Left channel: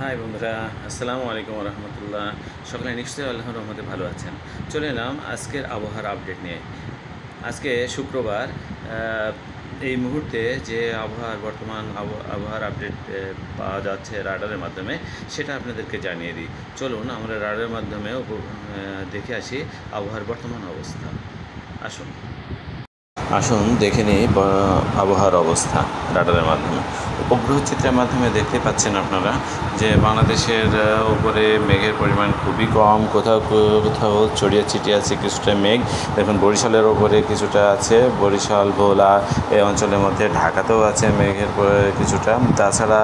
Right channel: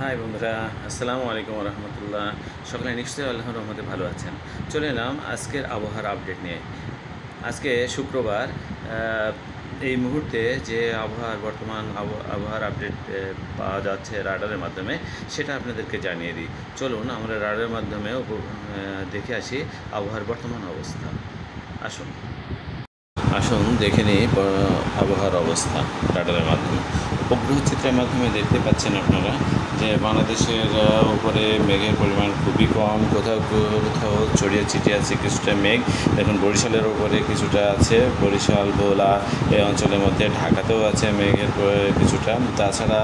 High বন্ধুরা, আসসালামু আলাইকুম রহমতুল্লাহ। সকালে নিশ্চয়ই আল্লাহর রহমতে ভালো আছেন। চলে এলাম আজকের আবহাওয়ার আপডেট নিয়ে। আজকে শুক্রবার। এই মুহূর্তে যে বর্তমান আবহাওয়ার আপডেট পাওয়া যাচ্ছে রাডারের মাধ্যমে, সেটা আপনাদেরকে জানিয়ে দিই। চলুন আমরা রাডারের মাধ্যমে দেখে আসি আবহাওয়ার বর্তমান অবস্থা। আসুন আসুন দেখে নিই আবহাওয়ার অবস্থা রাডারের মাধ্যমে। উপগ্রহ চিত্রের মাধ্যমে দেখতে পাচ্ছেন আপনারা যে বাংলাদেশের উপরে মেঘের পরিমাণ খুবই কম, কোথাও কোথাও ছড়িয়ে ছিটিয়ে আছে কিছুটা মেঘ। দেখুন বরিশালের ওপরে কিছুটা আছে, বরিশাল ভোলা এই অঞ্চলের মধ্যে, ঢাকাতেও আছে মেঘের কিছুটা। তাছাড়া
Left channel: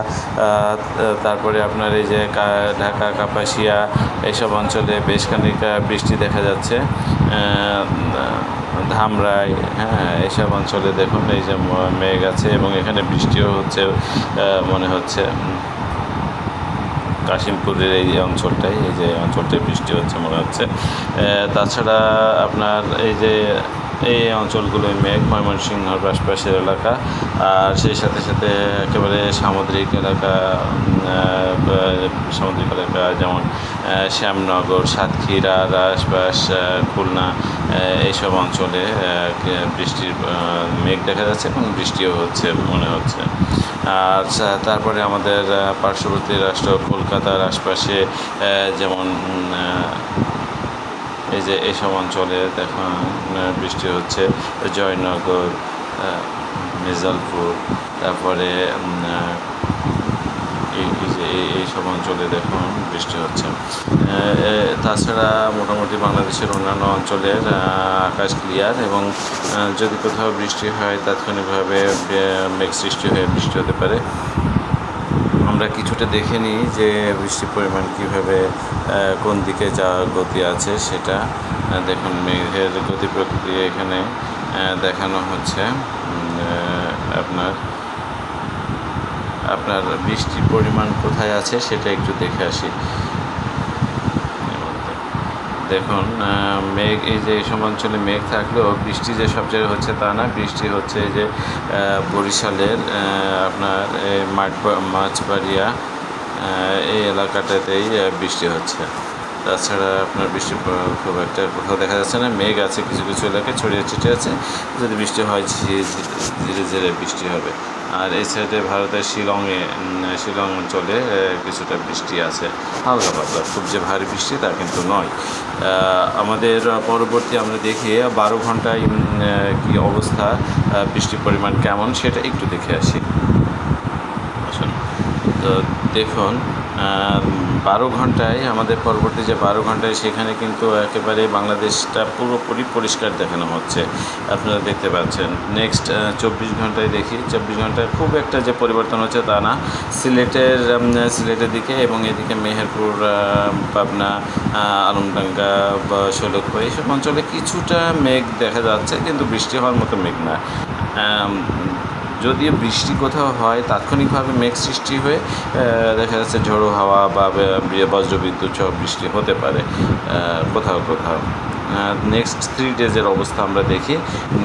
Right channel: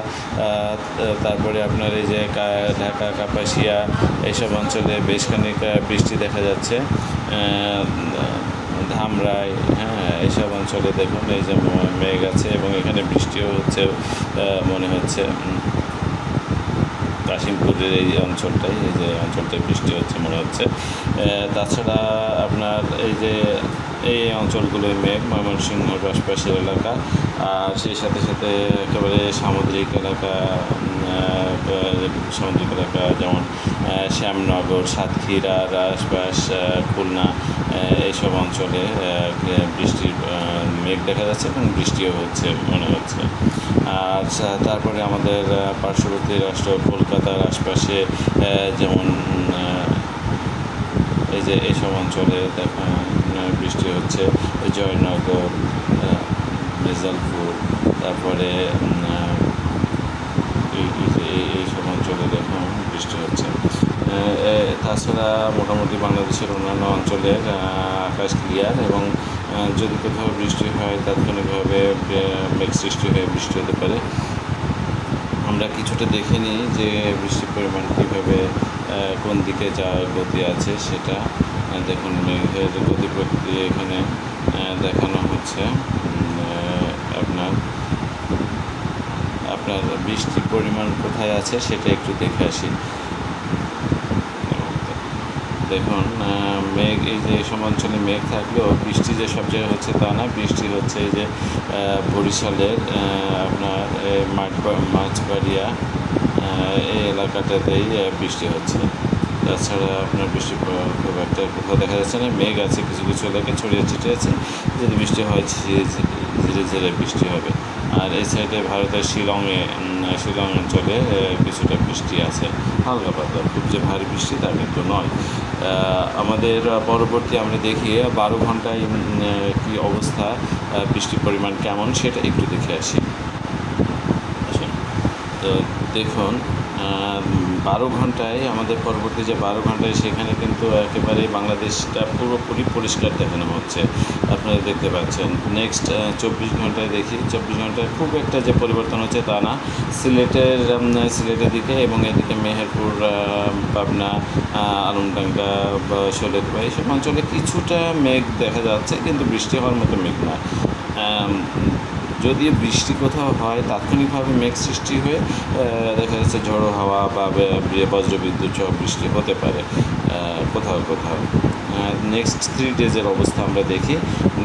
তারপরে আপনার এই যে ঢাকা কাপাসিয়া এইসব অঞ্চলে বেশ খানিকটা বৃষ্টি দেখা যাচ্ছে। ধামরাই, এইসব অঞ্চলে দেখুন এই যে মেঘ আছে এবং এখানে বৃষ্টিও হচ্ছে মনে হচ্ছে। কাশিমপুরের এই অঞ্চলটাই, এই যে অঞ্চলটায় বৃষ্টি হচ্ছে মনে হচ্ছে। তাছাড়া আপনার এই অঞ্চলগুলোই মেঘ, ময়মনসিংহর আশপাশের এলাকা, আর সেই সাথে সাথে একেবারে সামুদ্রিক এলাকা যেমন শ্যামনগর, সাতক্ষীরার আশপাশ, খুলনা এইসব অঞ্চলে বৃষ্টির মেঘ দেখা যাচ্ছে এবং বৃষ্টিও হচ্ছে মনে হচ্ছে। আর তারপরে আমাদের পার্শ্ববর্তী রাষ্ট্র কলকাতার আশপাশে যেমন এই যে এইসব অঞ্চলে দেখুন বৃষ্টি হচ্ছে। জয়নগর, মির্জালপুর, তারপরে এইসব অঞ্চলে দেখুন বৃষ্টি হচ্ছে। তাছাড়া মোটামুটি বাংলাদেশের অন্যান্য অঞ্চলের আকাশ ক্লিয়ার, এবং যদি কোথাও বৃষ্টি হয় তাৎক্ষণিকভাবে মেঘ সৃষ্টি হয়ে বৃষ্টি হতে পারে। আমরা কিছুটা দেখে নিই যে বৃষ্টির পরিমাণ কীভাবে কোন দিকে যাওয়ার গতি আছে সেটা। দেখুন মেঘের গতি প্রক্রিয়া এখানে দেখানো হচ্ছে। আপনার বৃষ্টির পরিমাণ কোথায় আছে সেটা একটু দেখে আসি। দেখুন মেঘ, এই যে এইসব অঞ্চলে মেঘ থাকলেও বৃষ্টি যে সব জায়গায় হচ্ছে তা না। বৃষ্টি হচ্ছে এই যে বরিশালের আপনার মাছবাড়িয়া এই এলাকাটাতেই বৃষ্টি হচ্ছে। তাছাড়া আপনার বৃষ্টি খুব একটা কোথাও দেখা যাচ্ছে না। মেঘ আছে কিছু কিছু এলাকায় ছড়িয়ে ছিটিয়ে আছে, যদি বৃষ্টি হয় ধীরে ধীরে বৃষ্টি হবে। আর এই সাইডে ভারতের শিলং অঞ্চলে কিছুটা বৃষ্টি আছে, হালকা পাতলা, খুব যে ভারী বৃষ্টি তা কিন্তু নয়। আমাদের পরবর্তী আমরা দেখি 12 ঘন্টায় কী অবস্থা, বৃষ্টির পরিমাণ কেমন সেটা একটু দেখে আসি। তো দেখুন 12 ঘন্টায়, আমাদের পরবর্তী যে 12 ঘন্টায়, সেখানে কিন্তু একেবারে বাংলাদেশটা পুরোপুরি পরিষ্কার দেখানো হচ্ছে, আপনারা দেখতে পাচ্ছেন। নেক্সট 24 ঘন্টায় দেখি, 24 ঘন্টায় খুব একটা যে পরিবর্তন হচ্ছে তা না। সিলেটের দিকে এবং এদিকে মেহেরপুর, পাবনা, আলমডাঙ্গা বা শৈলকুপা এইসব অঞ্চলে কিছুটা মেঘ দেখা যাচ্ছে, কিন্তু বৃষ্টি হওয়ার মতো মেঘ না। যদিও বৃষ্টি কোথাও হয় তাৎক্ষণিকভাবে মেঘ সৃষ্টি হয়ে দেখা যাচ্ছে ঝোড়ো হাওয়া বা বজ্রবিদ্যুৎ সহ বৃষ্টি হতে পারে কোথাও কোথাও। নেক্সট 3 ডেজের অবস্থা আমরা দেখি।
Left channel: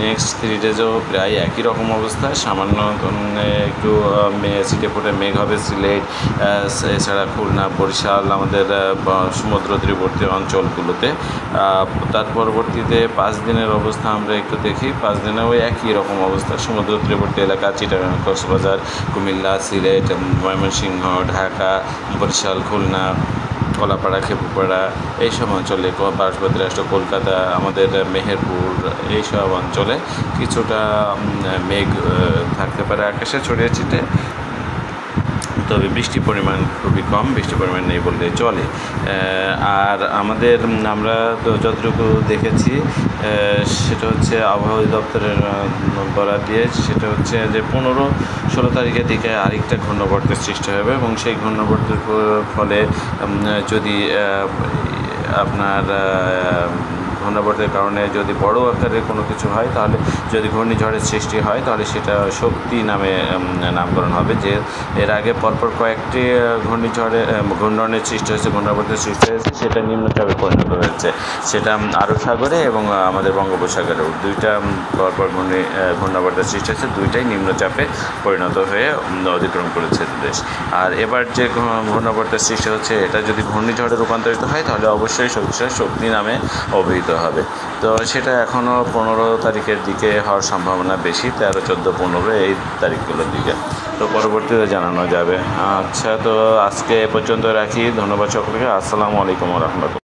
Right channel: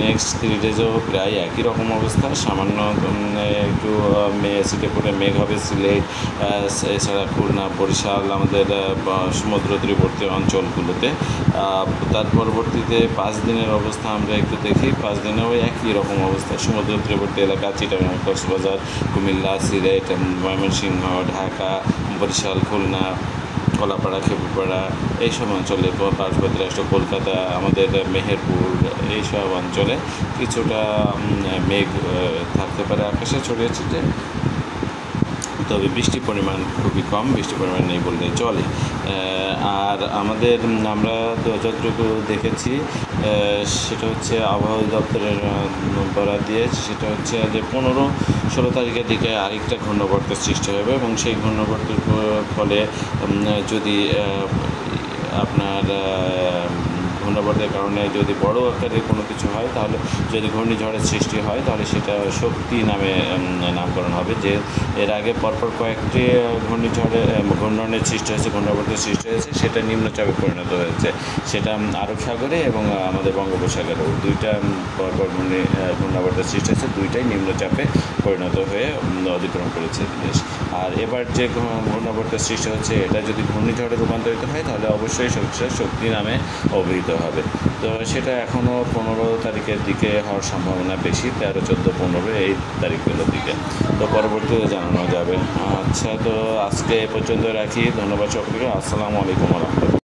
নেক্সট 3 ডেজেও প্রায় একই রকম অবস্থা, সামান্য একটু ছিটে ফোটে মেঘ হবে সিলেট, এছাড়া খুলনা, বরিশাল, আমাদের সমুদ্র তীরবর্তী অঞ্চলগুলোতে। তার পরবর্তীতে 5 দিনের অবস্থা আমরা একটু দেখি। 5 দিনেও একই রকম অবস্থা, সমুদ্র তীরবর্তী এলাকা চিটাগাং, কক্সবাজার, কুমিল্লা, সিলেট, ময়মনসিংহ, ঢাকা, বরিশাল, খুলনা, কলাপাড়া, খেপুপাড়া এইসব অঞ্চলে, পার্শ্ববর্তী রাষ্ট্র কলকাতা, আমাদের মেহেরপুর এইসব অঞ্চলে কিছুটা মেঘ থাকতে পারে আকাশে ছড়িয়ে ছিটে, তবে বৃষ্টির পরিমাণ খুবই কম, বৃষ্টির পরিমাণ নেই বললেই চলে। আর আমরা যতটুকু দেখেছি সেটা হচ্ছে আবহাওয়া দপ্তরের বরাত দিয়ে, সেটা হচ্ছে যে 15-16 তারিখের দিকে আরেকটা ঘূর্ণবর্তের সৃষ্টি হবে, এবং সেই ঘূর্ণবর্তের ফলে যদি আপনার ঘূর্ণাবর্তের কারণে যদি বড় আকারের কোনো কিছু হয়, তাহলে যদি ঘূর্ণিঝড়ের সৃষ্টি হয় তাহলে সেটা শক্তি নামে নামকরণ হবে। যে এর আগে পরপর কয়েকটি ঘূর্ণনের সৃষ্টি হয়েছে, ঘূর্ণাবর্তের সৃষ্টি হয়েছে, সেটা নিম্নচাপে পরিণত হয়েছে। সেটা আরব সাগরে এবং আমাদের বঙ্গোপসাগরেও দুইটা পরপর ঘূর্ণাবর্তের সৃষ্টি হয়েছে, দুইটাই নিম্নচাপে পরিণত হয়ে অতিক্রম করেছে দেশ। আর এবার যে ঘূর্ণাবর্তের সৃষ্টি হচ্ছে, এটা যদি ঘূর্ণিঝড়ে রূপান্তরিত হয় তাহলে অবশ্যই শক্তি নামে অভিহিত হবে। তো সেটা এখনও 15 তারিখের দিকে হওয়ার সম্ভাবনা বেশি, 13, 14, 15 এই তারিখগুলোর দিকে। তো পরবর্তীতে জানানো যাবে। আচ্ছা, তো আজকে এ পর্যন্ত রাখি। ধন্যবাদ সকলকে। আসসালামু আলাইকুম ওয়া রাহমাতুল্লাহ।